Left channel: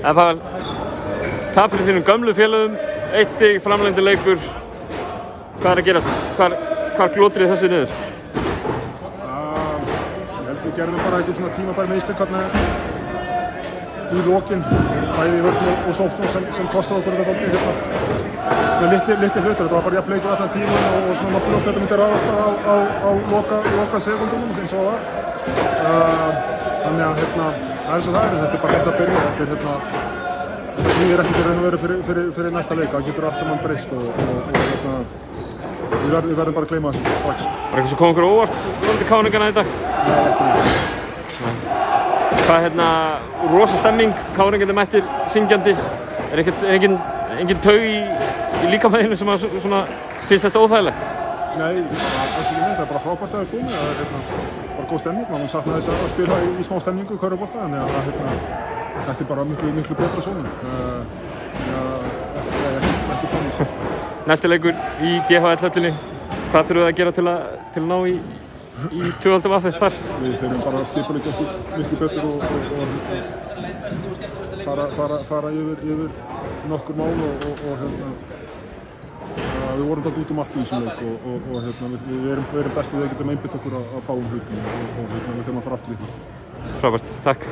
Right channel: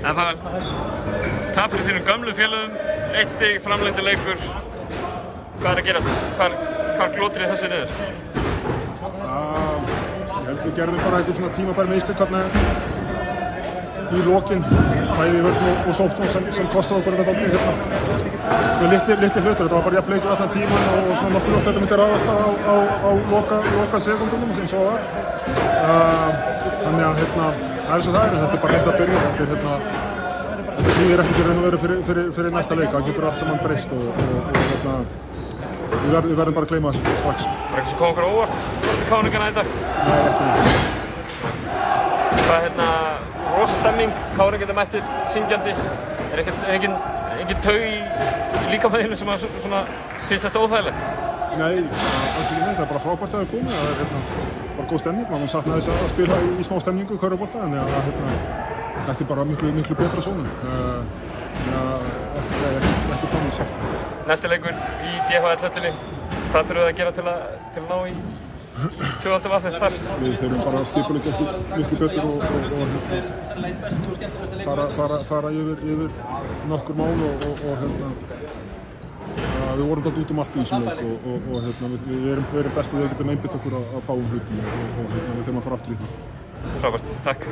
Það var tap fyrir þínum gömlu félögum, 1 stig, framlengdur leikur. Hvað að gerast? Hvað glótir þessu niður? Ég held við gerðum bara eitthvað svona tímabær mistök í lokin, bæði í vörn og sókn sem kostaði okkur þetta dálítið svona litli hlutur. Þetta var bara jafn leikur allan tíman og svona nokkuð ljóst þetta myndi ráðast bara á loka sekundunum eins og það var. Þannig að það er svo það er, þetta er bara rétt að byrja. Þetta knýðir ekkert í raun og veru fyrir næsta leik, það getur allt saman breyst og við verðum bara að gleyma þessu strax. Er eitthvað sem kom okkur óvart fyrir KR-ingana þetta? Nei, ekki neitt. Það rosa stemming, KR-ingarnir mættir, syngjandi. Er engin taug í líkamæðinu sem svona finnst þetta óþægilegt? Nei, alls ekki neitt, það er bara frábært að það komið. Það er bara góð stemning, maður saknaði þess að spila í smá stemningu í körfubolta, þannig að þetta er bara miklu betra svona. Ekki tónlist. Næsti leikur í DHL-höllinni, hvað þurfum við að gera til að ná í tvöfaldavaffið þar? Við þurfum bara að skipuleggja okkur miklu betur og fara yfir nokkur mál og við vorum alltaf út allt í þessum leik og við erum best við að geta einbeitt okkur að fáum hlutum og við þurfum að fara aftur í það. Frábært, takk.